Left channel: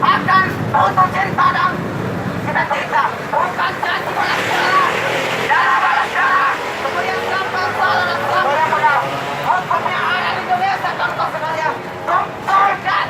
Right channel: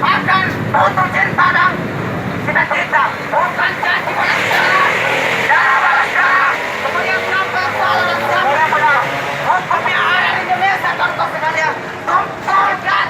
akan putus cinta dan cita-cita, bukan janji pengacara. Darah balas darah, kemudian siapa yang salah dan siapa yang benar. Hukum yang ada di Indonesia, contoh sekalian, tuntut dan